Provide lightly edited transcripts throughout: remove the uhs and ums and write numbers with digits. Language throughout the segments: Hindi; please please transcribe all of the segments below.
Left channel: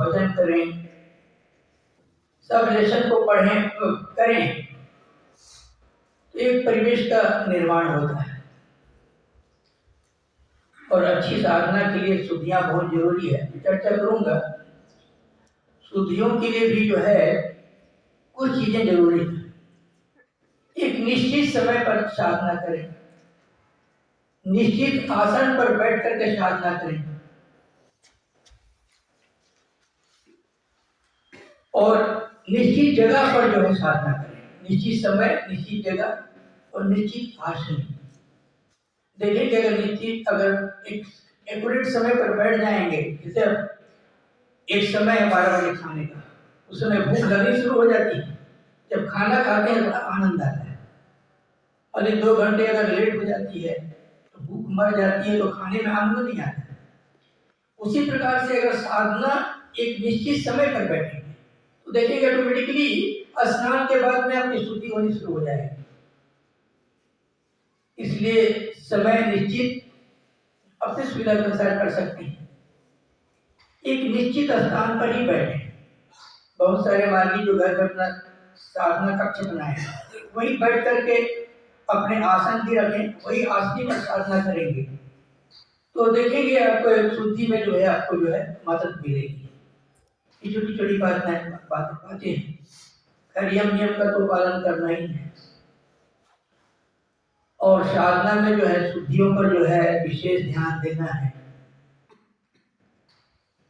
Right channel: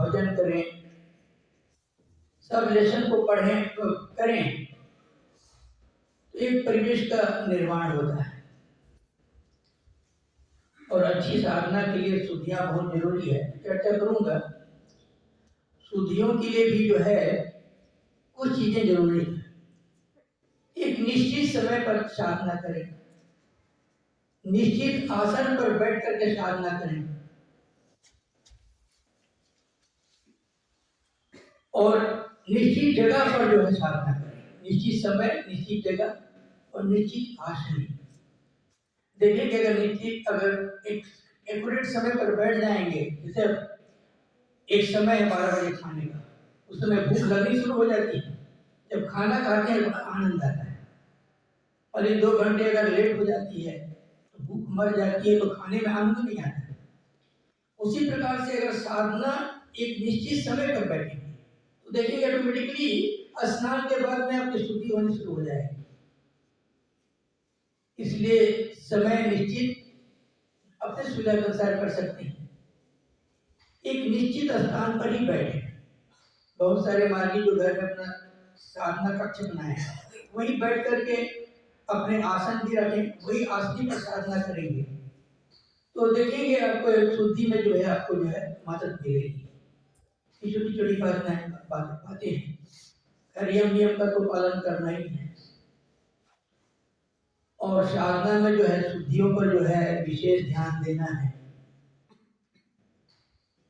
भजन करें, सब लेसन को पढ़ें करें, तो एक परिवेश का निर्माण होता है। और अच्छी साधना के लिए शुद्धियाँ बहुत जरूरी है, चर्चा करूंगा। शुद्धियों के लिए भी जो है कुछ चीजें जरूरी है। एक निश्चित समय पर साधना करें, निश्चित आसन पर बैठ करके साधना करें, और निश्चित जगह पर जो है साधना करें। निश्चित समय, निश्चित जगह और निश्चित आसन। देखिए कि अगर एक एक्यूरेट समय पर बैठ जाएंगे, जैसे एक समय है 12 बजे खाने का, उस समय भूख लगनी शुरू हो जाती है। जब खाना खाते हैं बड़ा आनंद आता है। अरे 2 घंटे अगर लेट हो जाती है तो भूख मर जाती है, तो खाने में आनंद नहीं आता है। उसी प्रकार से अगर साधना एक निश्चित समय पर बैठेंगे तो देखेंगे ऑटोमेटिकली स्नान के बाद में आपकी शुद्धि होनी शुरू हो जाएगी। इसलिए समय निश्चित अपनी सुविधा के अनुसार कर सकते हैं। एक निश्चित स्थान पर ही बैठे। बहुत सारे मार्गी जो घर में अपना साधना कक्ष बनाए हैं, वहीं बैठ करके अपने आसन भी रखें, वही आसनी पर साधना करेंगे तो देखेंगे आपको शुद्धि में जो है आपको जो है मदद मिलेगी। छोटी छोटी बातें हैं, खैर यम नियम का तो पालन करना ही है। और साधना में जो है शुद्धियों पर जो है विशेष ध्यान देना है।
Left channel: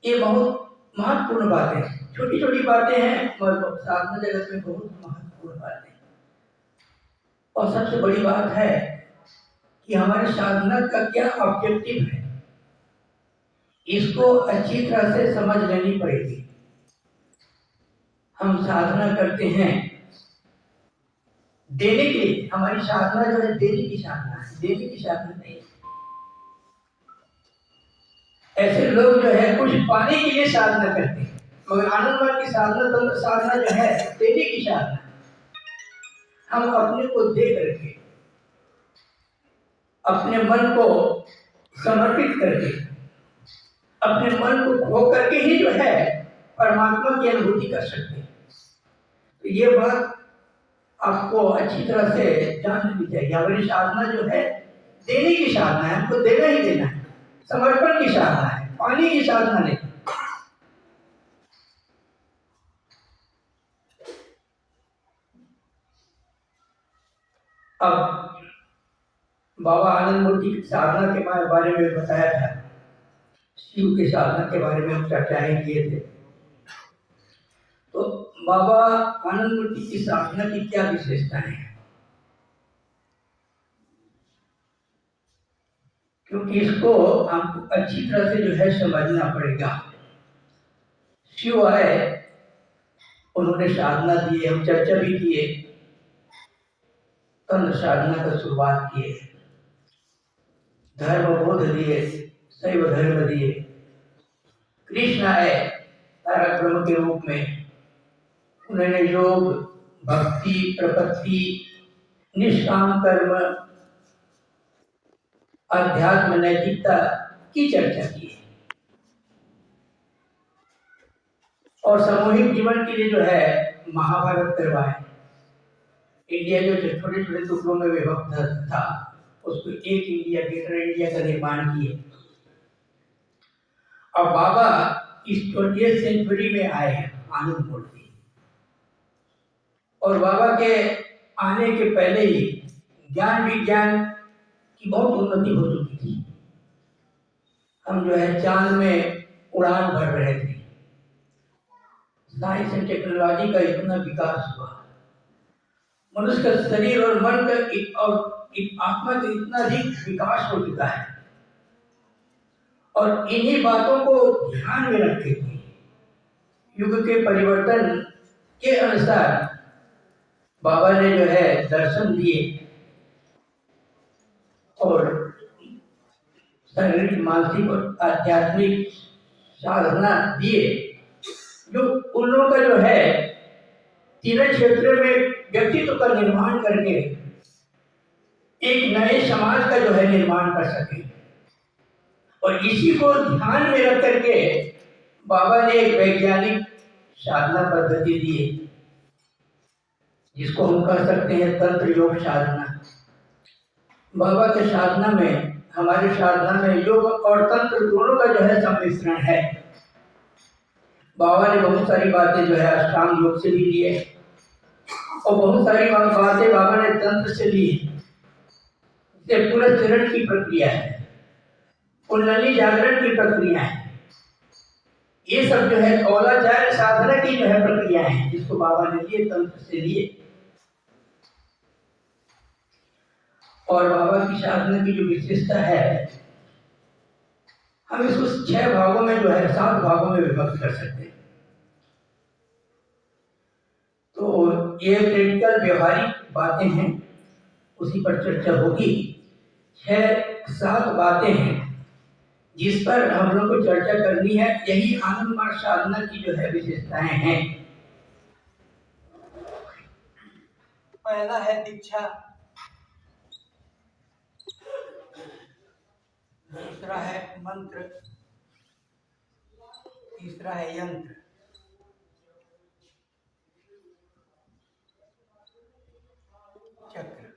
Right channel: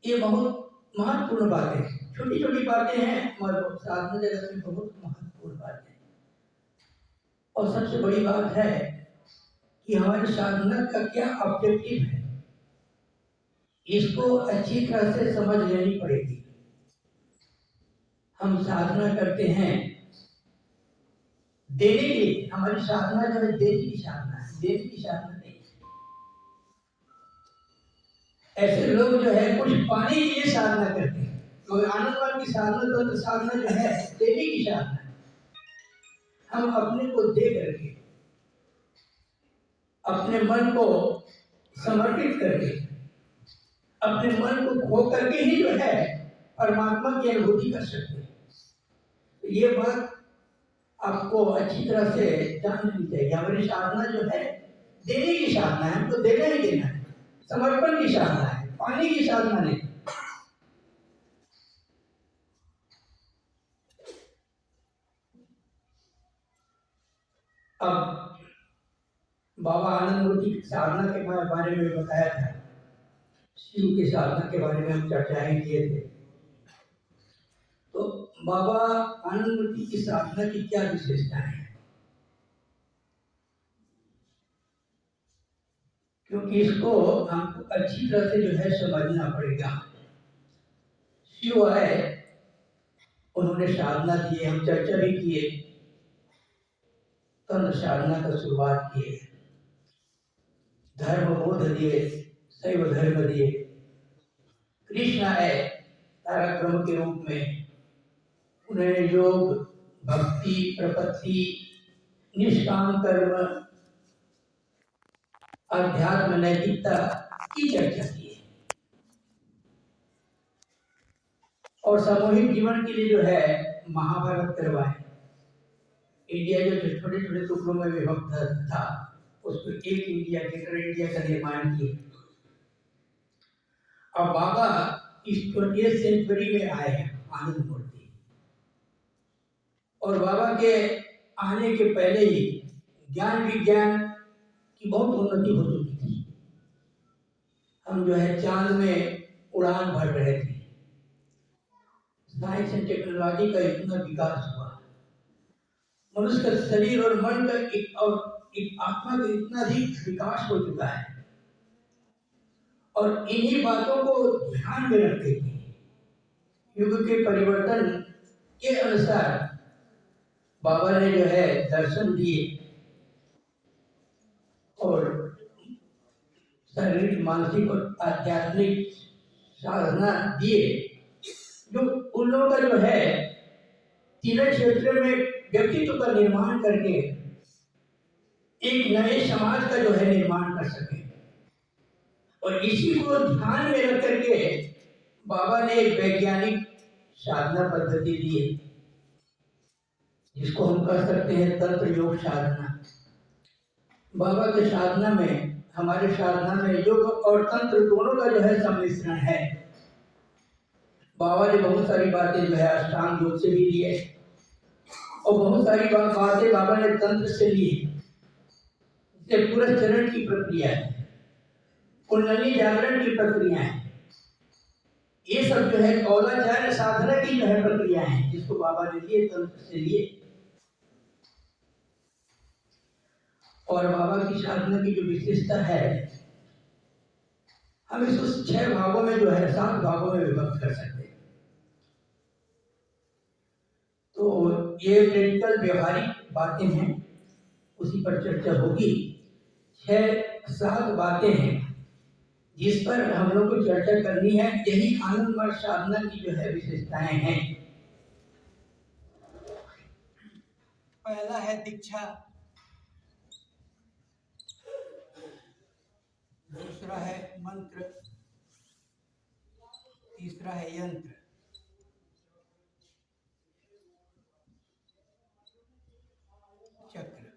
ये बहुत महत्वपूर्ण बातें हैं। छोटी छोटी बातें हैं मगर साधना जगत में बहुत महत्वपूर्ण बातें। और सबसे बड़ी बात है कि हमारे साधना का क्या ऑब्जेक्टिव है, इसको अच्छी तरह से समझ लेनी पड़ेगी। हम साधना करते हैं देने के लिए। हमारी साधना जो है देने की साधना है, देने की साधना नहीं। ऐसे लोग जो है कुछ पाने के लिए साधना करते हैं, मगर आनंदवान की साधना जो है देने की साधना है। हम अपने को दे करके, अपने मन को समर्पित करके, अपने मन को खो करके ही जो है परमात्मा की अनुभूति कर सकते हैं। तो ये बात आपको अच्छी तरह से जान लेनी चाहिए। हमारी साधना जो है देने की साधना है, हमको देना ही देना है, समर्पण की साधना है, पाने की साधना नहीं। अब बाबा आनंद मूर्ति की साधना के बारे में बताया था, शिव की साधना के बारे में हम चर्चाएं किए थे। तो बाबा आनंद मूर्ति की साधना की क्या विशेषताएं हैं, क्योंकि इसको हमको अच्छी तरह से जो है समझना पड़ेगा। शिव आए, उन्होंने साधना दी, हम चर्चा भी किए, तंत्र साधना का शुरुआत किए, धर्म बोध दिए, शैव धर्म दिए। कृष्ण आए तारक ब्रह्म के रूप में, उन्होंने योग, भक्ति, प्रपत्ति, निष्काम कर्म, अध्यात्म, नैतिकता की चर्चा की है। और सामूहिक जीवन के लिए जो है महाभारत करवाए। इंडिया जो छोटे छोटे टुकड़ों में विभक्त था, उसको एक इंडिया, ग्रेटर इंडिया का निर्माण किए। अब बाबा इस 20th सेंचुरी में आए हैं आनंद मूर्ति, और बाबा के आने के पहले ही ज्ञान विज्ञान की बहुत उन्नति हो चुकी थी। हम जो है चांद में उड़ान भर रहे थे। साइंस एंड टेक्नोलॉजी का इतना विकास हुआ, मनुष्य का शरीर और मन का और आत्मा का इतना अधिक विकास हो चुका है। और इन्हीं बातों को ध्यान में रखते हुए युग के परिवर्तन के अनुसार बाबा ने जो है दर्शन दिए और शारीरिक, मानसिक और आध्यात्मिक साधना दिए, जो उन लोगों का जो है तीनों क्षेत्रों में व्यक्तित्व का निर्माण करके एक नए समाज का जो है निर्माण कर सके। और इसी को ध्यान में रख करके बाबा ने एक वैज्ञानिक साधना पद्धति दी है, जिसको हम कह सकते हैं तंत्र योग साधना। बाबा के साधना में, हमारे साधना में योग और तंत्र दोनों का जो है सम्मिश्रण है। बाबा ने बहुत सारी बातें जो है अष्टांग योग से भी ली है, और बहुत सारी बातें बाबा ने तंत्र से ली है। जैसे पुनश्चरण की प्रक्रिया है, कुंडली जागरण की प्रक्रिया है, ये सब जो है कौलाचार्य साधना की जो है प्रक्रिया है, जिसको बाबा ने लिए तंत्र से लिए। और बाबा की साधना की जो विशेषता है, हम इसको 6 भागों में जो है 7 भागों में विभक्त कर सकते हैं। तो ये प्रैक्टिकल व्यवहारिक बातें हैं, उसी पर चर्चा होगी। 6-7 बातें हैं जिस पर हम लोग को चर्चा करनी है। यही आनंद मार्ग साधना की जो है विशेषताएं हैं। पहला है दीक्षा, दूसरा है मंत्र, तीसरा है यंत्र, चक्र,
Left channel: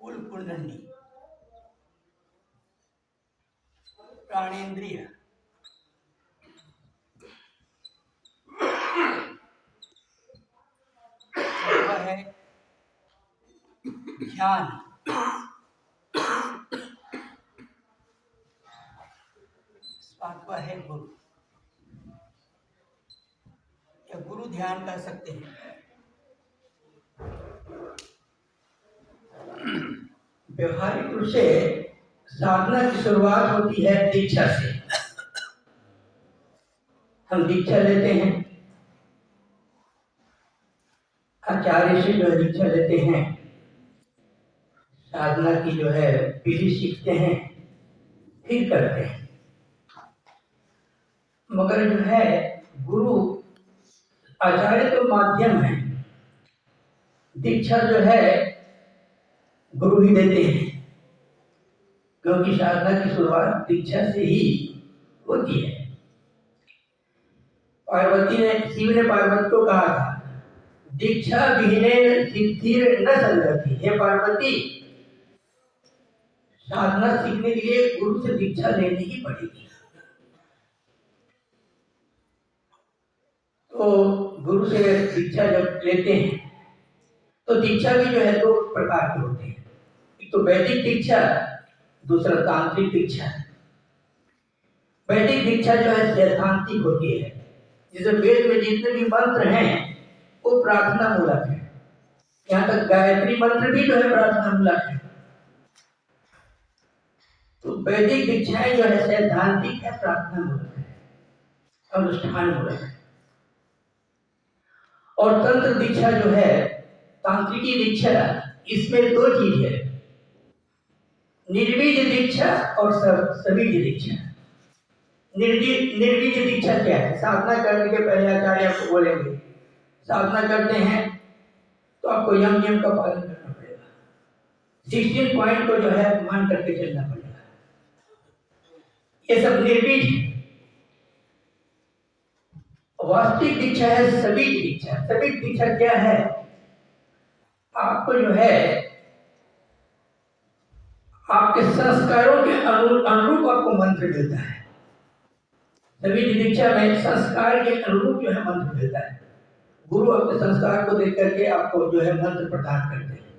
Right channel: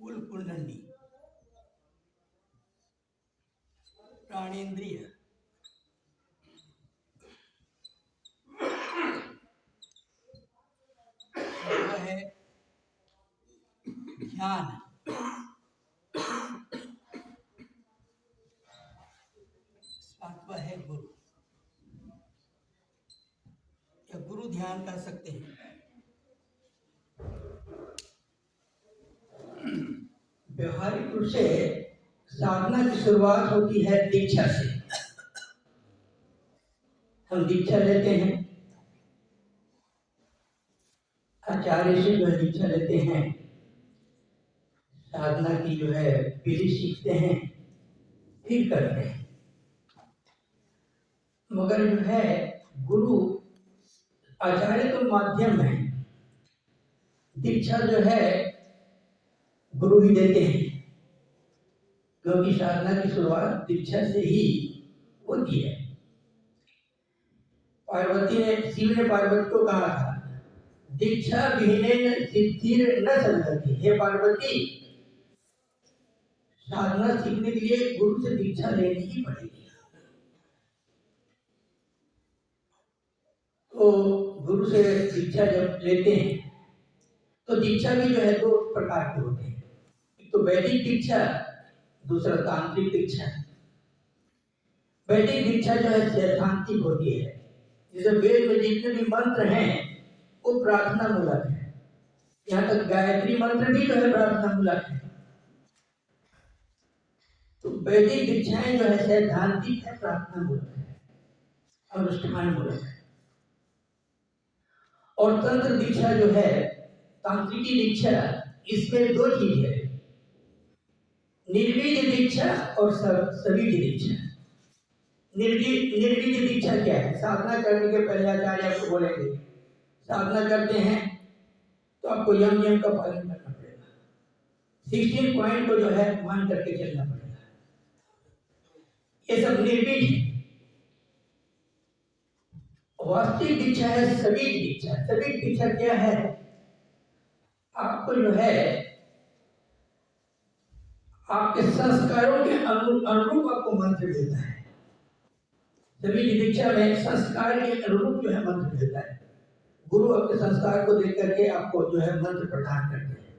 कुल कुंडली, प्राणेंद्रिय, चौथा है ध्यान, पांचवा है गुरु, या गुरु ध्यान कह सकते हैं। व्यवहारिक रूप से साधना की शुरुआत होती है दीक्षा से। हम दीक्षा लेते हैं, आचार्य से जो है दीक्षा लेते हैं, साधना की जो है विधि सीखते हैं, फिर करते हैं। मगर जो है गुरु आचार्य तो माध्यम है, दीक्षा जो है गुरु ही देते हैं, क्योंकि साधना की शुरुआत दीक्षा से ही होती है। पार्वती ने, शिव ने पार्वती को कहा था, दीक्षा विहीनेन सिद्धिर न संगति। हे पार्वती, साधना सीखने के लिए गुरु से दीक्षा लेनी ही पड़ेगी। तो गुरु से दीक्षा जब लेते हैं तो दीक्षा भी जो है 2 प्रकार के होते हैं। एक तो वैदिक दीक्षा, दूसरा तांत्रिक दीक्षा। वैदिक दीक्षा जो है सैद्धांतिक होती है, जैसे वेद में जितने भी मंत्र हैं वो प्रार्थना मूलक है। यहाँ तक गायत्री मंत्र भी जो है प्रार्थना मूलक है। तो वैदिक दीक्षाएं जो है सैद्धांतिक है, प्रार्थना मूलक है, अनुष्ठान मूलक है। और तंत्र दीक्षा जो है, तांत्रिकी दीक्षा, इसमें 2 चीज है, निर्बीज दीक्षा और सबीज दीक्षा। निर्बीज दीक्षा क्या है? साधना करने के पहले आचार्य आपको बोलेंगे, साधना करते हैं तो आपको यम नियम का पालन करना पड़ेगा, 16 पॉइंट को जो है मान करके चलना पड़ेगा। ये सब निर्बीज है। वास्तविक दीक्षा है सबीज दीक्षा। सबीज दीक्षा क्या है? आपको जो है आपके संस्कारों के अनुरूप आपको मंत्र मिलता है। सबीज दीक्षा में संस्कार के अनुरूप जो है मंत्र मिलता है। गुरु अपने संस्कार को देख करके आपको जो है मंत्र प्रदान करते हैं।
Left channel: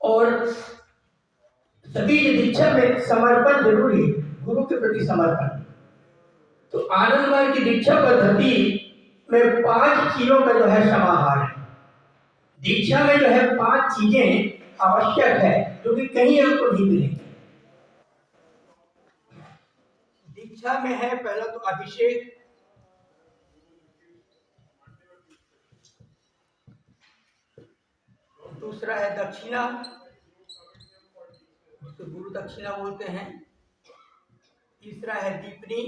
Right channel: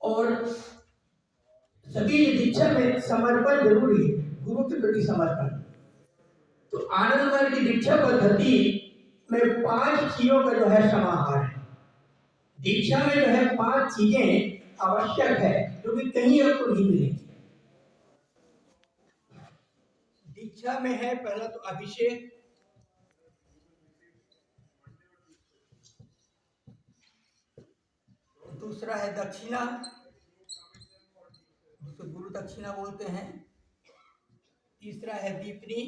और सबीज दीक्षा में समर्पण जरूरी है, गुरु के प्रति समर्पण। तो आनंद मार्ग की दीक्षा पद्धति में 5 चीजों का जो है समाहार है। दीक्षा में जो है 5 चीजें आवश्यक है, जो कि कहीं आपको नहीं मिलेंगी। दीक्षा में है पहला तो अभिषेक, दूसरा है दक्षिणा, जिसको गुरु दक्षिणा बोलते हैं, तीसरा है दीपनी,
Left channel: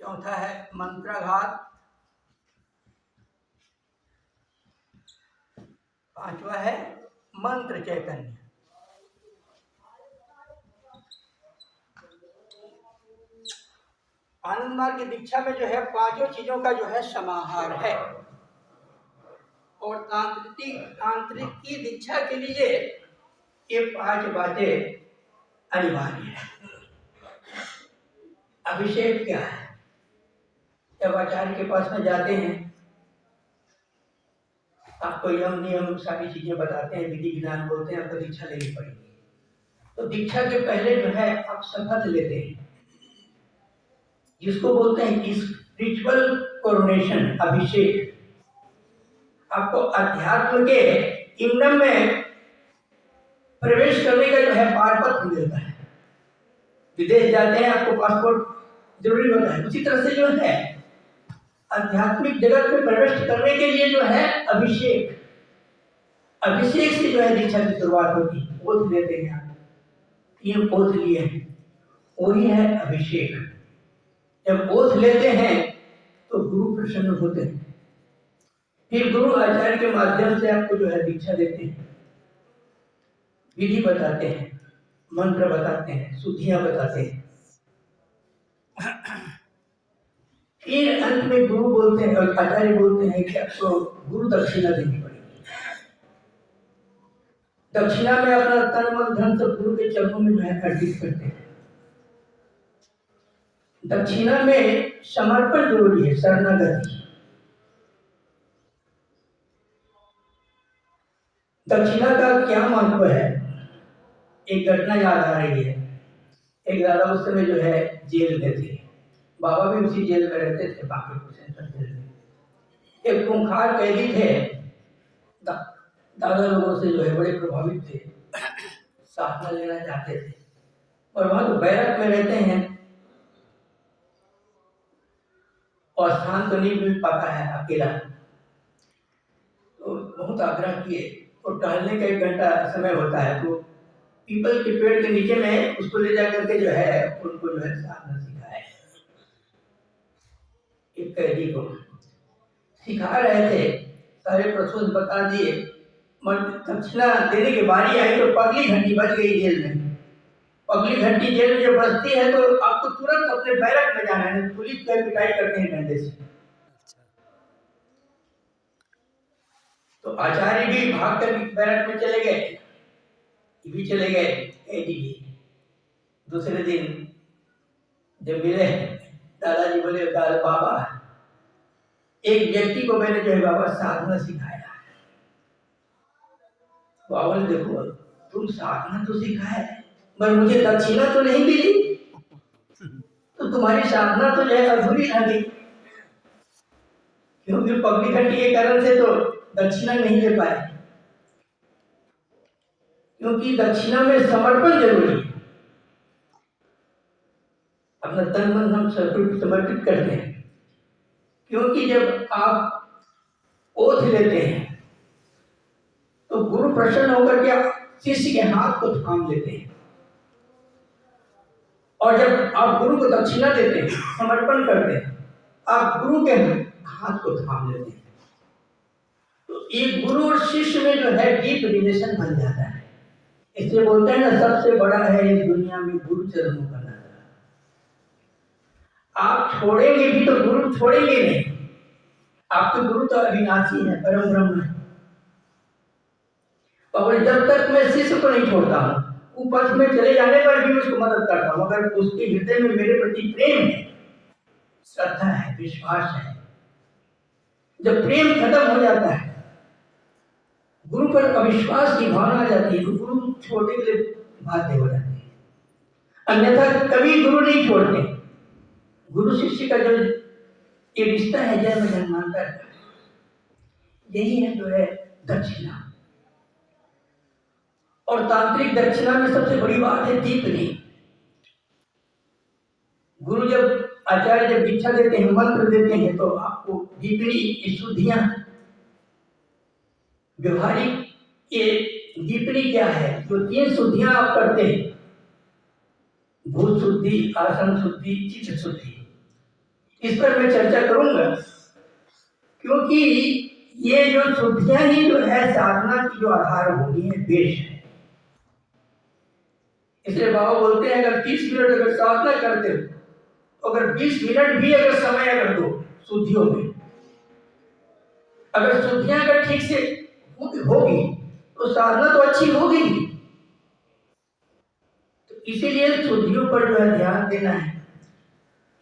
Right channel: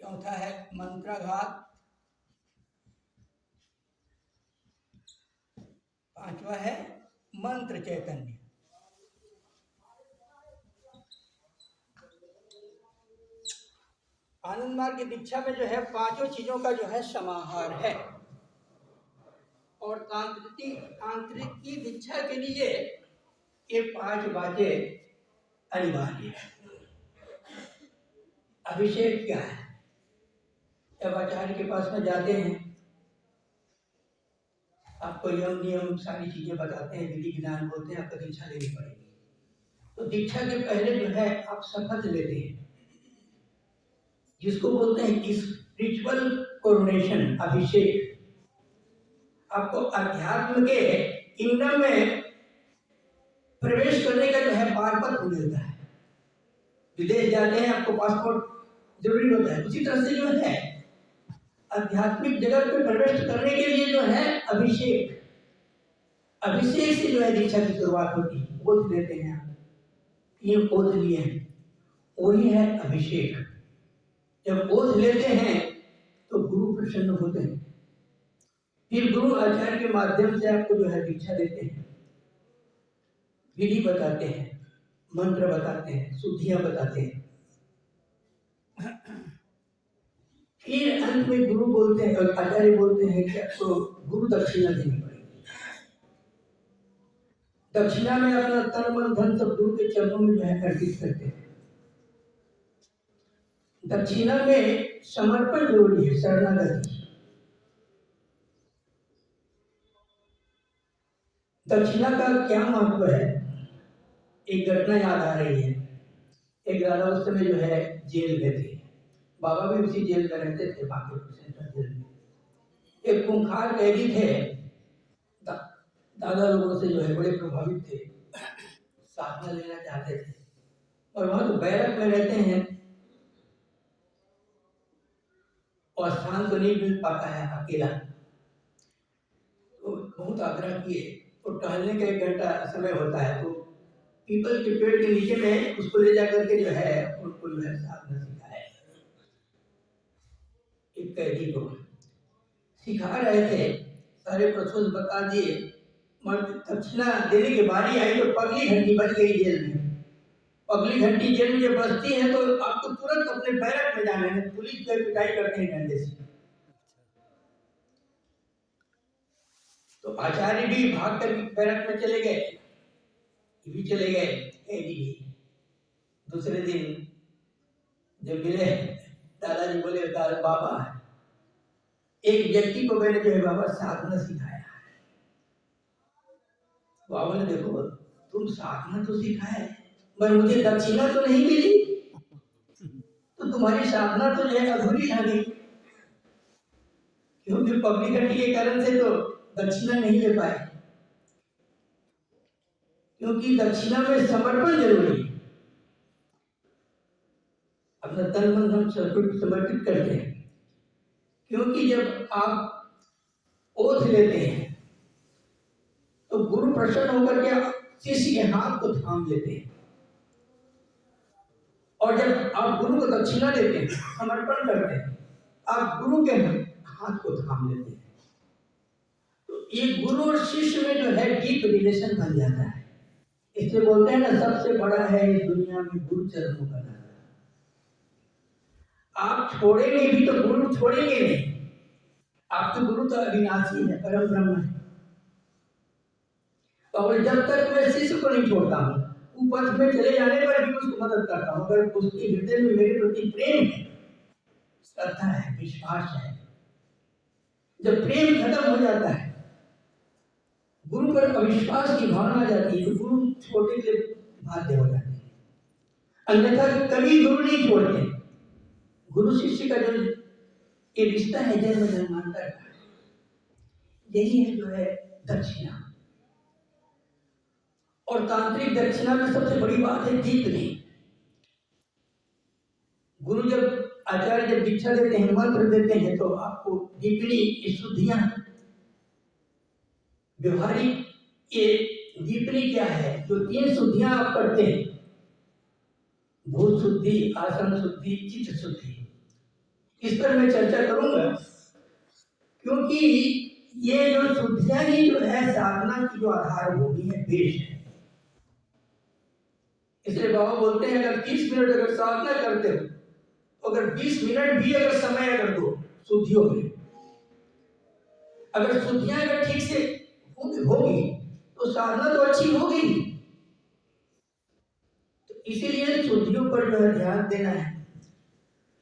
चौथा है मंत्राघात, पांचवा है मंत्र चैतन्य। आनंद मार्ग की दीक्षा में जो है पांचों चीजों का जो है समाहार है। और तांत्रिक की दीक्षा के लिए ये पांच बातें अनिवार्य है। अभिषेक क्या है? जब आचार्य के पास में जाते हैं, आपको यम नियम सारी चीजें बताते हैं, विधि विधान बोलते हैं, आपको दीक्षा लेनी पड़ेगी। तो दीक्षा के पहले जो है आप शपथ लेते हैं, जिसको बोलते हैं स्पिरिचुअल कोरोनेशन, अभिषेक। आपको अध्यात्म के किंगडम में प्रवेश करने का जो है पारपत्र मिलता है। विदेश जाते हैं आपको पासपोर्ट जरूरी होता है, उसी तरह से जो है आध्यात्मिक जगत में प्रवेश करने के लिए जो है अभिषेक से जो है दीक्षा की शुरुआत होती है। ओथ लेते हैं आप, 3 ओथ लिए हैं, वही है अभिषेक। जब ओथ लेते हैं तो गुरु प्रसन्न होते हैं, फिर गुरु आचार्य के माध्यम से आपको जो है दीक्षा देते हैं, विधि बताते हैं, मंत्र बताते हैं, शुद्धियां बताते हैं। फिर अंत में गुरु बोलते हैं और आचार्य बोलते हैं कि आपको गुरु दक्षिणा देनी पड़ेगी। दक्षिणा में अपना तन मन धन सब गुरु के चरणों में जो है अर्पित करते हैं। दक्षिणा में समर्पण जरूरी है, शरणागति। दक्षिणा का क्या महत्व है? एक घटना याद आ रही है। एक दादा उस समय जो है जेल में थे, बाबा भी उसी जेल में रहते थे, बांकीपुर सेंट्रल जेल में। एक खूंखार कैदी थे, दादा लोगों से जो है बड़े प्रभावित थे, साधना लेना चाहते थे, और वहां तो बैरक में रहते हैं और स्थान तो नहीं मिल पाता है, अकेला। तो बहुत आग्रह किए, तो टहलने का 1 घंटा समय होता है, तो पीपल के पेड़ के नीचे में उसको ले जाकर के जो है उनको जो है साधना सिखाया। एक कैदी को सिखा रहे थे, सारे प्रोसेस बता दिए, मगर दक्षिणा देने की बारी आई तो पगली घंटी बज गई जेल में। पगली घंटी जेल में जब बजती है तो आपको तुरंत अपने बैरक में जाना है, पुलिस पे पिटाई करते हैं डंडे से। तो आचार्य भी भाग कर बैरक में चले गए, भी चले गए, कैदी भी। दूसरे दिन जब मिले, दादाजी बोले, दादा बाबा, एक व्यक्ति को मैंने जो है बाबा साधना सिखाया। बाबा ने देखो, तुम साधना तो सिखाया है पर मुझे दक्षिणा तो नहीं मिली, तो तुम्हारी साधना तो जो है अधूरी रह गई, क्योंकि पगली घंटी के कारण से तो दक्षिणा नहीं ले पाए। क्योंकि दक्षिणा में समर्पण जरूरी है, अपना तन मन हम समर्पित करते हैं। क्योंकि जब आप ओथ लेते हैं तो गुरु प्रसन्न होकर के शिष्य के हाथ को थाम लेते हैं, और जब आप गुरु को दक्षिणा देते हैं, समर्पण करते हैं, आप गुरु के हाथ को थाम लेते हैं। तो ये गुरु और शिष्य में जो है डीप रिलेशन बन जाता है। इसलिए बोलते हैं ना, सबसे बड़ा है इस दुनिया में गुरु चरणों का नाता। आप छोड़ेंगे भी तो गुरु छोड़ेंगे नहीं। आपके गुरु तो अविनाशी है, परम ब्रह्म है। और जब तक मैं शिष्य को नहीं छोड़ता हूँ, वो पथ में चले जाने पर भी उसको मदद करता हूँ, अगर उसके हृदय में मेरे प्रति प्रेम है, श्रद्धा है, विश्वास है। जब प्रेम खत्म हो जाता है, गुरु पर अविश्वास की भावना आ जाती है, तो गुरु छोड़ने के लिए बाध्य हो जाते हैं। अन्यथा कभी गुरु नहीं छोड़ते। गुरु शिष्य का जो ये रिश्ता है, जन्म जन्मांतर का, यही है जो है दक्षिणा। और तांत्रिक दक्षिणा में सबसे बड़ी बात है दीपनी। गुरु जब आचार्य जब दीक्षा देते हैं, मंत्र देते हैं, तो आपको दीपनी शुद्धियां, व्यवहारिक ये दीपनी क्या है, जो 3 शुद्धियां आप करते हैं, भूत शुद्धि, आसन शुद्धि, चित्त शुद्धि, इस पर मैं चर्चा करूंगा। क्योंकि ये जो शुद्धियां ही जो है साधना की जो आधारभूमि है, बेस है। इसलिए बाबा बोलते हैं अगर 30 मिनट अगर साधना करते हो, अगर 20 मिनट भी अगर समय अगर दो शुद्धियों में, अगर शुद्धियां अगर ठीक से होगी तो साधना तो अच्छी होगी। तो इसीलिए शुद्धियों पर जो है ध्यान देना है।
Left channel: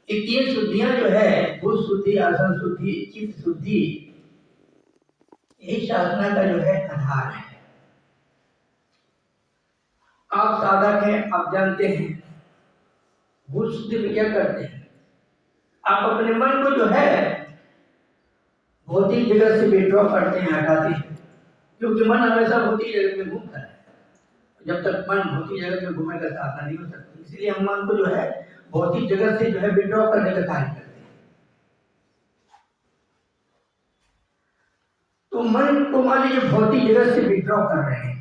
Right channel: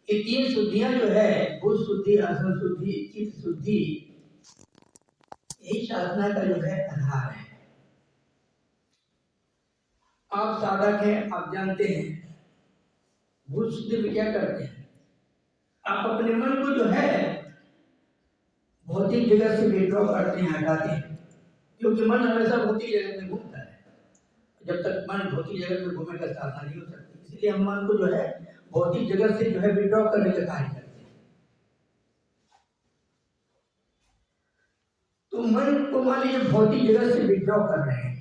ये 3 शुद्धियां जो है, बुद्ध शुद्धि, आसन शुद्धि, चित्त शुद्धि, यही साधना का जो है आधार है। आप साधक हैं, आप जानते हैं बुद्ध शुद्धि में क्या करते हैं। आप अपने मन को जो है भौतिक जगत से विड्रॉ करते हैं, हटाते हैं, क्योंकि मन हमेशा भौतिक जगत में घूमता है। जब तक मन भौतिक जगत में घूमेगा साधना नहीं हो सकती। इसलिए हम मन को जो है भौतिक जगत से जो है विड्रॉ करने का कार्य करते हैं। तो मन को मान लीजिए भौतिक जगत से विड्रॉ कर रहे हैं,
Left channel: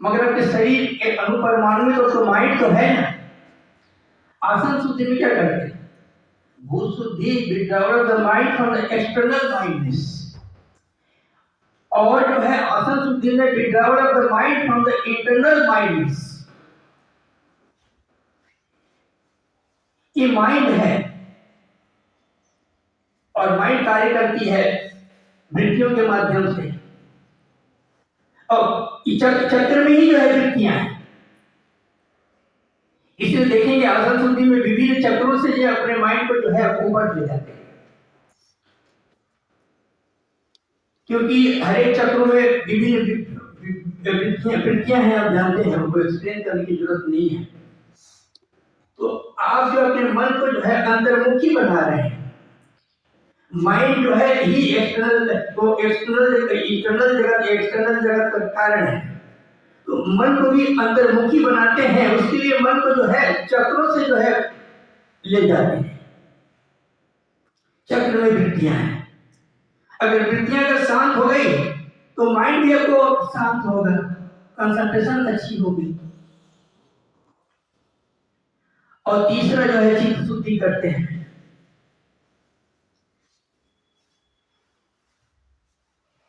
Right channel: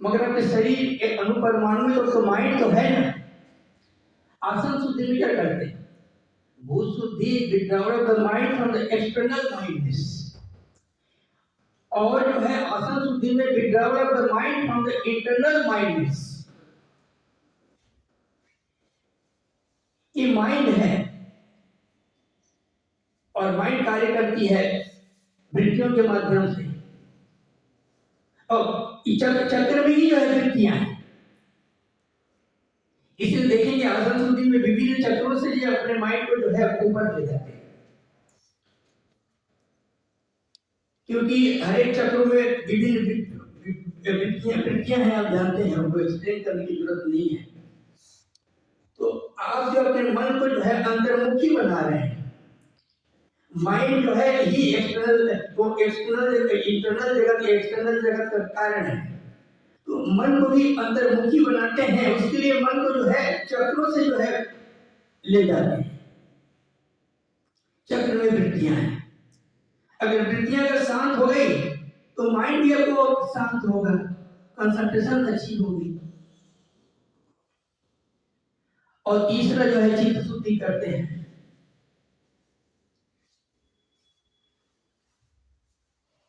मगर आपके शरीर के अणुपरमाणु में तो माइंड तो है ना। आसन शुद्धि में क्या करते हैं, भूत शुद्धि, withdrawal of the mind from the external mindness, और जो है आसन शुद्धि में withdrawal of the mind from the internal mindness. ये माइंड है और माइंड कार्य करती है वृत्तियों के माध्यम से, और चक्र में ही जो है वृत्तियां हैं। इसलिए देखेंगे आसन शुद्धि में विभिन्न चक्रों से जो अपने माइंड को जो है ऊपर ले जाते हैं, क्योंकि हर एक चक्रों में विभिन्न वृत्तियां हैं। आप जानते हैं, हमको एक्सप्लेन करने की जरूरत नहीं है। तो आप जो अपने मन को जो है अंतर्मुखी बना रहे हैं, माइंड जो है ही एक्सटर्नल इंटरनल जगत, एक्सटर्नल जगत का कारण है। तो मन को भी अंतर्मुखी बनाते हैं, उसके लिए मन को जो है चक्रों से जो है ले जाते हैं। चक्र में वृत्तियां हैं, अगर वृत्तियां अगर शांत हो गई तो माइंड भी आपको शांत होगा, कंसंट्रेशन अच्छी होगी। और तीसरा जो है चित्त शुद्धि करते हैं।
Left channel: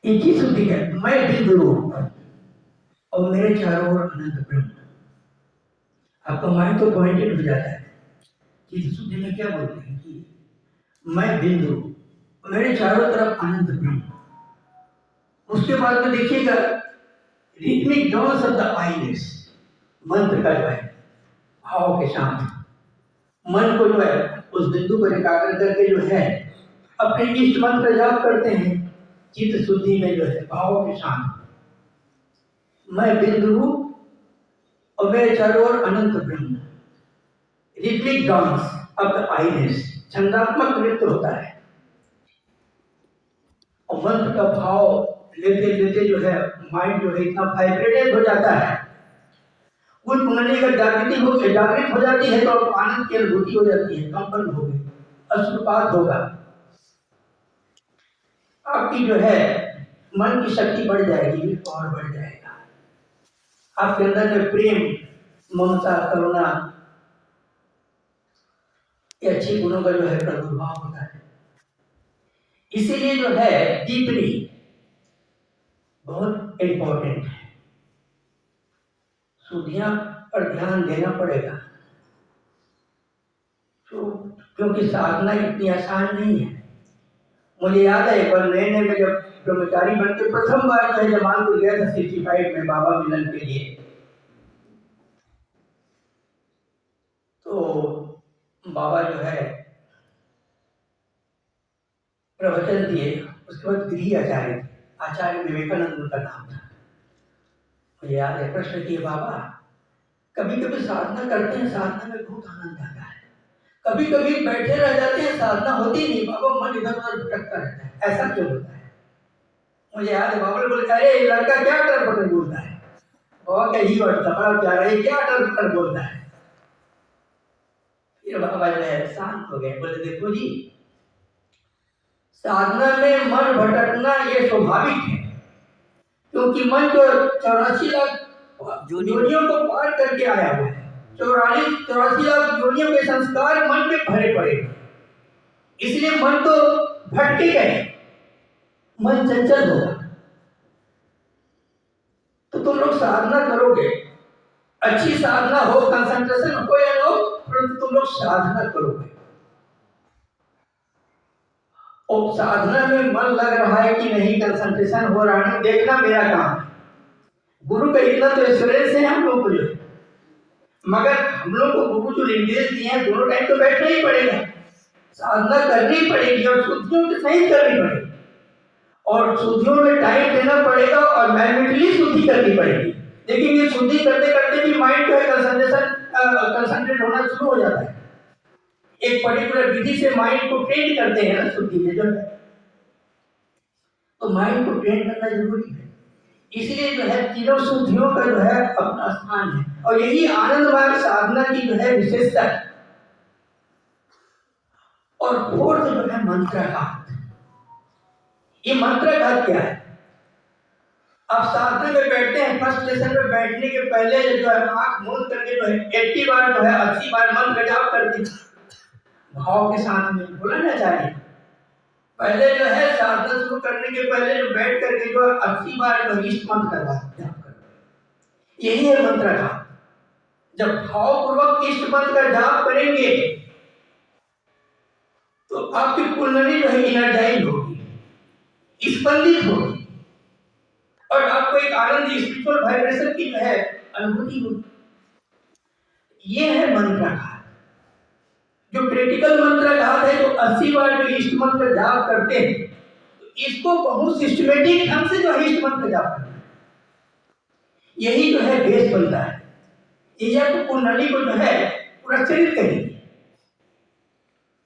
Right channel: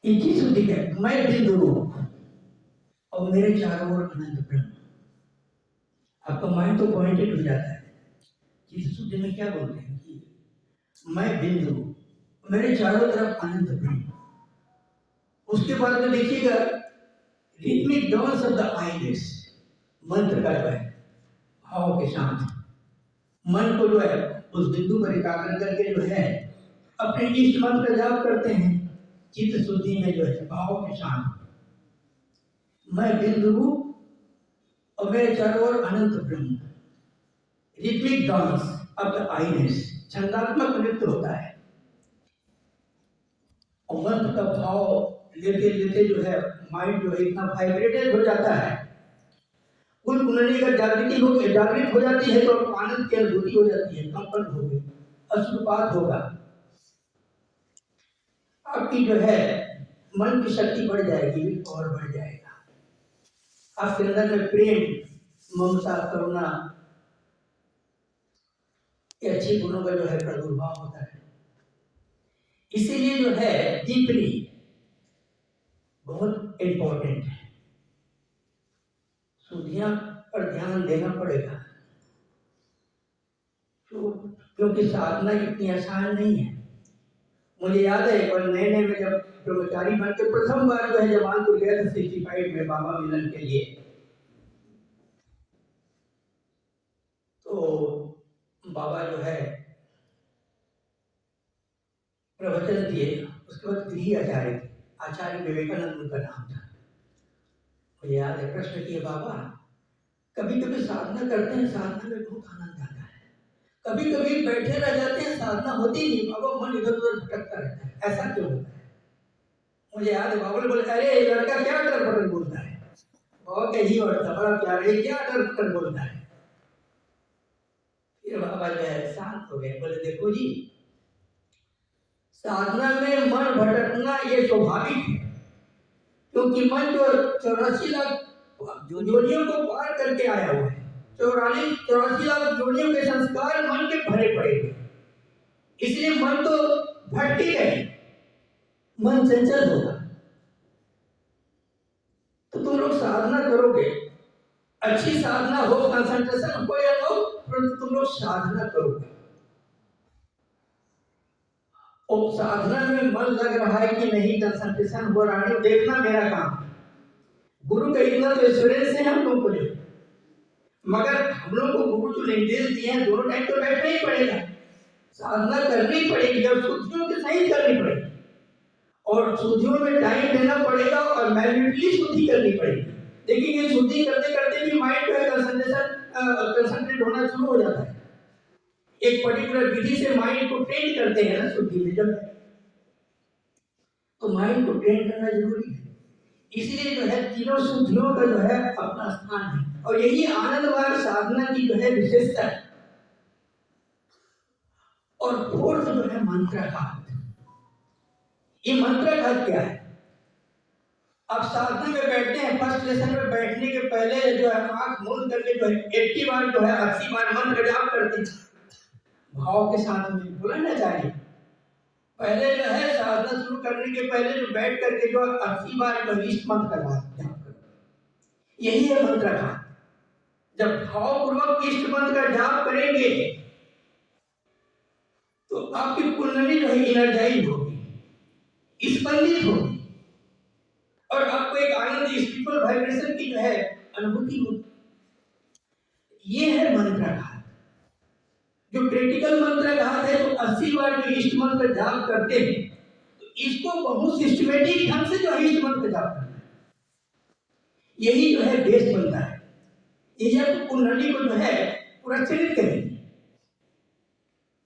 एक ही शुद्धि है, मैं बिंदु रूप और मेरे चारों ओर अनंत ब्रह्म। आपका माइंड तो पॉइंटेड हो जाता है। चित्त शुद्धि में क्या बोलते हैं कि मैं बिंदु, मेरे चारों तरफ अनंत ब्रह्म। उसके बाद में देखिएगा रिथमिक डांस ऑफ द आईलेट्स, मंत्र का जो है भाव के साथ मन को जो है उस बिंदु पर एकाग्र करके जो है अपने इष्ट मंत्र का जाप करते हैं। चित्त शुद्धि में जो है भाव के साथ मैं बिंदु रूप और मेरे चारों ओर अनंत ब्रह्म। Rhythmic dance of the islets, छंदात्मक नृत्य होता है, और मंत्र का भाव लेते लेते जो है माइंड जो है इतना वाइब्रेटेड हो जाता है, कुल कुंडली का जागृत हो जाती है, तो आनंद की अनुभूति हो जाती है, कंपन होगी, अश्रुपात होगा। आपकी जो है मन की शक्ति बढ़ जाएगी और बढ़ जाएगा। आपके अंदर में प्रेम, ममता, करुणा, ये अच्छे गुणों का जो है प्रादुर्भाव होता है। इसीलिए जो है डीपली बहुत इंपॉर्टेंट है, शुद्धियां पर ध्यान देना पड़ेगा। तो क्योंकि साधना इतनी आसान नहीं है। मुझे याद है एक बार नए नए में जब ब्रह्मचारी बन के प्रथम बार जो है जमालपुर गया था 65 में बाबा मिलन के लिए, तो बाबा जो है प्रवचन दिए। उसके बाद गृह आचार्य थे, आचार्य विवेकानंद उनका नाम था। मुझे याद है प्रश्न किए, बाबा कभी कभी साधना करते हैं, साधना में बहुत आनंद आता है, कभी कभी बैठे रह जाते हैं, साधना होती नहीं, बाबा मन इधर उधर भटकता रहता है, ऐसा क्यों होता है? मुझे याद है बाबा ने बोले, अरे ये लड़का क्या अटर पटर बोलता है। बाबा क्या ही बढ़ता, बड़ा प्यारा है, क्या अटर पटर बोलता है। फिर बाबा जो है शांत हो गए, बोले देखो जी, साधना में मन भटकना ये स्वाभाविक है, क्योंकि मन जो 84 लाख योनियों को पार करके आया हुआ है। 84 लाख योनियों के संस्कार मन के भरे पड़े, इसलिए मन तो भटके गए। मन चंचल होगा। तो तुम लोग साधना करोगे, अच्छी साधना हो, कंसंट्रेशन हो या ना हो, परंतु तुम लोग साधना करोगे और साधना में मन लग रहा है कि नहीं, कंसंट्रेशन हो रहा है, देखना मेरा काम है। गुरु का इतना तो एक्सपीरियंस है हम लोग को जो, मगर हम लोग को गुरु जो निर्देश दिए हैं दोनों टाइम तो बैठना ही पड़ेगा, साधना करनी पड़ेगी और शुद्धियों की सही करनी पड़ेगी और शुद्धियों में टाइम देना पड़ेगा और मैनुअली शुद्धि करनी पड़ेगी। लेकिन ये शुद्धि करते करते भी माइंड जो है कंसंट्रेट होना शुरू हो जाता है। एक पर्टिकुलर विधि से माइंड को ट्रेन करते हैं ना शुद्धि में जो है, तो माइंड को ट्रेन करना जरूरी है। इसलिए जो है तीनों शुद्धियों का जो है अपना स्थान है और यही आनंद मार्ग साधना की जो है विशेषता है। और फोर्थ जो है मंत्राघात। ये मंत्राघात क्या है? आप साधना में बैठते हैं, फर्स्ट लेसन में बैठने के पहले जो है आंख मूंद करके जो है 80 बार जो है 80 बार मंत्र का जाप करते हैं, भाव के साथ में बोलना चाहिए। पहले जो है साधना शुरू करने के पहले जो बैठ करके जो 80 बार जो इष्ट मंत्र का जाप करते, यही है मंत्राघात। जब भावपूर्वक इष्ट मंत्र का जाप करेंगे तो आपकी कुंडली जो है एनर्जाइज होगी, स्पंदित होगी और आपको एक आनंद स्पिरिचुअल वाइब्रेशन की जो है अनुभूति होगी। ये है मंत्राघात। जो क्रिटिकल मंत्राघात है, जो 80 बार जो इष्ट मंत्र जाप करते हैं, तो इसको बहुत सिस्टमेटिक ढंग से जो इष्ट मंत्र जाप करना है, यही जो है बेस बनता है। ये आपको कुंडली को जो है पुरस्कृत करेगी,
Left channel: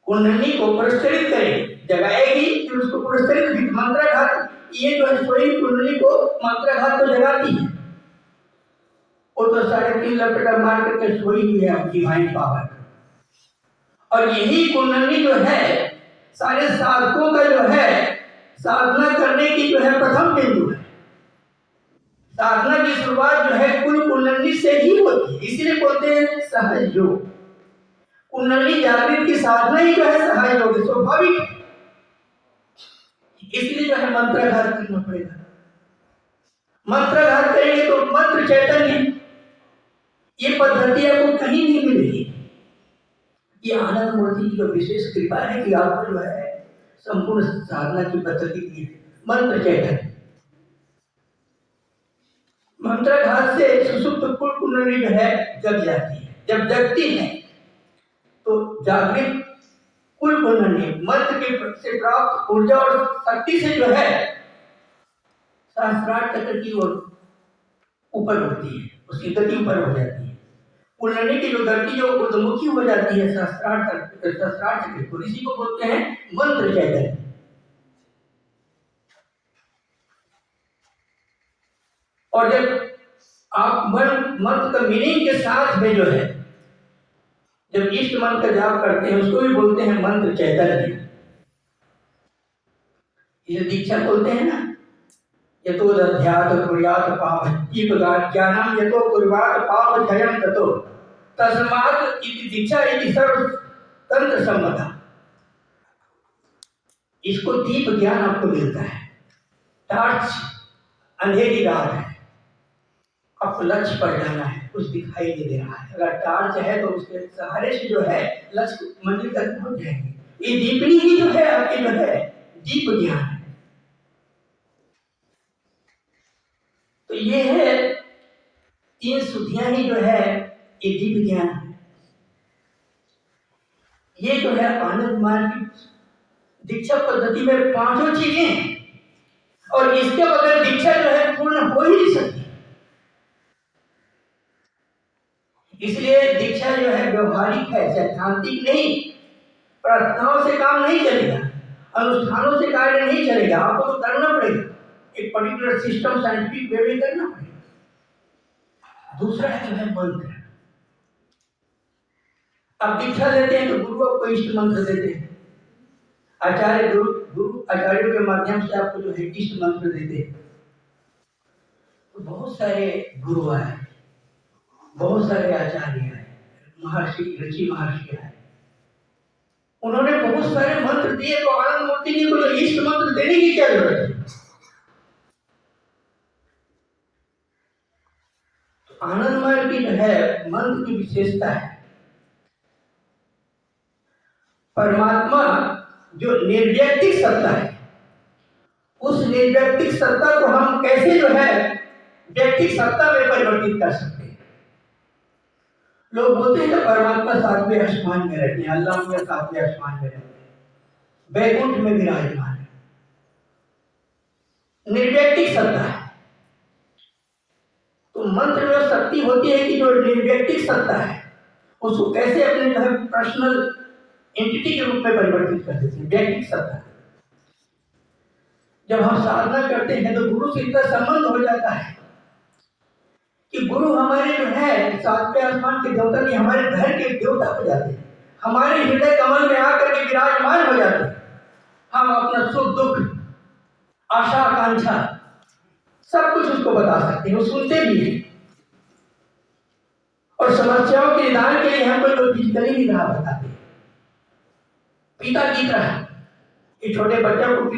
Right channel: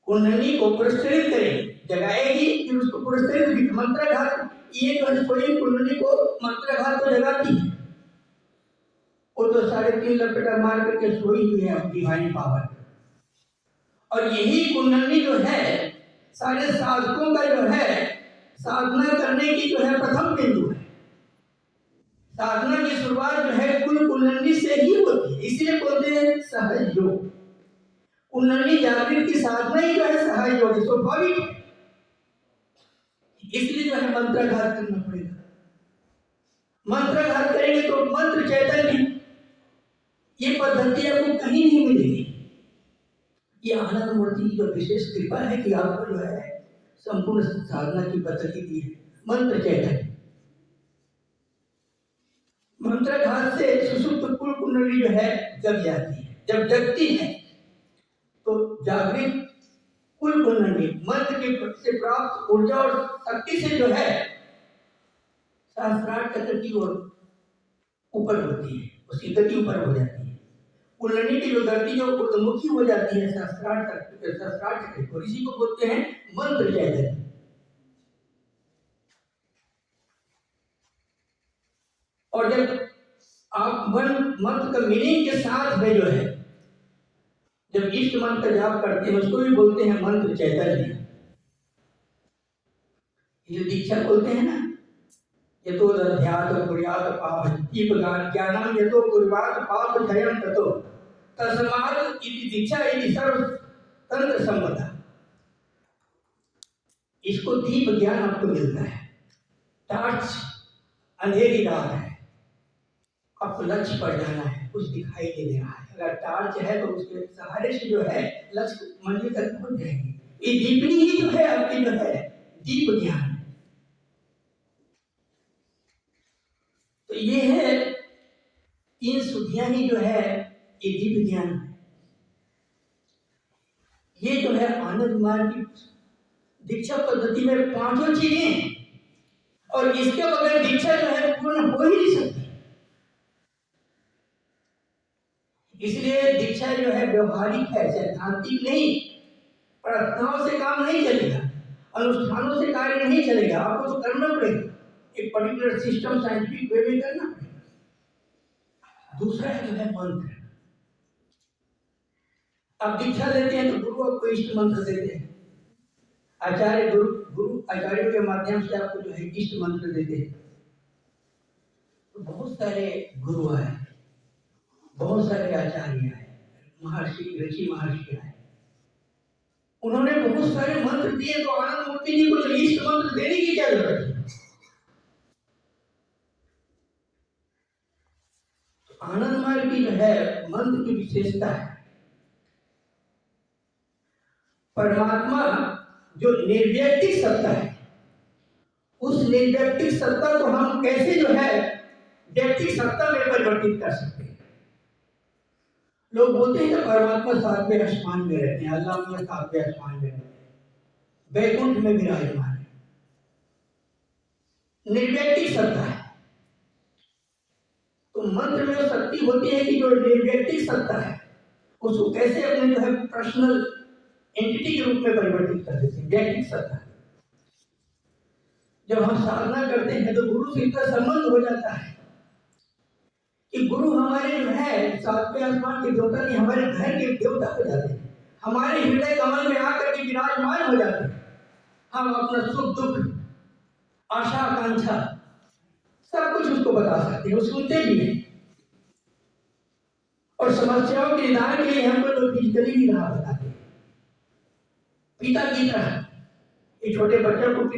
कुंडली को पुरस्कृत करेगी, जगाएगी, फिर उसको पुरस्कृत मंत्राघात। ये जो है स्वयं कुंडली को मंत्राघात तो जगाती है, वो तो 3.5 लपेटा मार करके सोई हुई है डिवाइन पावर। और यही कुंडली जो है सारे साधकों का जो है साधना करने की जो है प्रथम बिंदु है। साधना की शुरुआत जो है कुल कुंडली से ही होती है, इसीलिए बोलते हैं सहज योग। कुंडली जागृत की साधना ही जो है सहज योग, स्वाभाविक है। इसलिए जो है मंत्राघात करना पड़ेगा। मंत्राघात करेंगे तो मंत्र चैतन्य, ये पद्धति आपको कहीं नहीं मिलेगी। ये आनंद मूर्ति की जो विशेष कृपा है कि आपको जो है संपूर्ण साधना की पद्धति दी है। मंत्र चैतन्य, मंत्राघात से सुसुप्त कुल कुंडली जो है जग जाती है। जब जगती है तो जागृत कुल कुंडली मंत्र के से प्राप्त ऊर्जा और शक्ति से जो है सहस्त्रार चक्र की ओर ऊपर उठती है, उसकी गति ऊपर हो जाती है। कुंडली की जो गति जो ऊर्ध्वमुखी हो जाती है सहस्त्रार चक्र को, इसी को बोलते हैं मंत्र चैतन्य। और जब आप मंत्र का मीनिंग के साथ में जो है जब इष्ट मंत्र का जाप करते हैं, उसको भी बोलते हैं मंत्र चैतन्य। ये दीक्षा बोलते हैं ना, यतो दध्यात कुर्यात पाप दीप ज्ञानम यतो कुर्वात पाप क्षयं ततो तस्मात् इति दीक्षा इति सर्व तंत्र संपदा। इसको दीप ज्ञान आपको मिलता है। टार्च, अंधेरी रात है, आपको लक्ष्य पर जाना है, कुछ दिखाई नहीं दे रहा है, अगर टार्च है तो उसके सहारे से जो है लक्ष्य मंजिल तक पहुंच जाएंगे। ये दीपनी ही जो है आपकी जो है दीप ज्ञान है। तो ये है तीन शुद्धियां ही जो है ये दीप ज्ञान है। ये जो है आनंद मार्ग की दीक्षा पद्धति में पांचों चीजें हैं और इसके बगैर दीक्षा जो है पूर्ण हो ही नहीं सकती। इसलिए दीक्षा जो है व्यवहारिक है, सैद्धांतिक नहीं। प्रार्थनाओं से काम नहीं चलेगा, अनुष्ठानों से कार्य नहीं चलेगा, आपको तो करना पड़ेगा, एक पर्टिकुलर सिस्टम साइंटिफिक वे में करना पड़ेगा। दूसरा है जो है मंत्र। आप दीक्षा देते हैं तो गुरु आपको इष्ट मंत्र देते हैं, आचार्य गुरु आचार्यों के माध्यम से आपको जो है इष्ट मंत्र देते हैं। तो बहुत सारे गुरु आए, बहुत सारे आचार्य आए, महर्षि ऋषि महर्षि आए, उन्होंने बहुत सारे मंत्र दिए। तो आनंद मूर्ति जी को तो इष्ट मंत्र देने की क्या जरूरत है? आनंदमय की जो है मंत्र की विशेषता है, परमात्मा जो निर्व्यक्तिक सत्ता है, उस निर्व्यक्तिक सत्ता को हम कैसे जो है व्यक्तिक सत्ता में परिवर्तित कर सकते हैं। लोग बोलते हैं कि परमात्मा सातवें आसमान में रहते हैं, अल्लाह में सातवें आसमान में रहते हैं, वैकुंठ में विराजमान है। निर्व्यक्तिक सत्ता है। तो मंत्र में शक्ति होती है कि जो निर्व्यक्तिक सत्ता है उसको कैसे अपने जो है पर्सनल एंटिटी के रूप में परिवर्तित कर देते हैं, व्यक्तिक सत्ता। जब हम साधना करते हैं तो गुरु से इतना संबंध हो जाता है कि गुरु हमारे जो है सातवें आसमान के देवता नहीं, हमारे घर के देवता हो जाते हैं, हमारे हृदय कमल में आकर के विराजमान हो जाते हैं। हम अपना सुख दुख आशा आकांक्षा सब कुछ उसको बता सकते हैं, वो सुनते भी हैं। और समस्याओं के निदान के लिए हमको जो फिजिकली नहीं रहा बताते, पिता की तरह। ये छोटे बच्चों को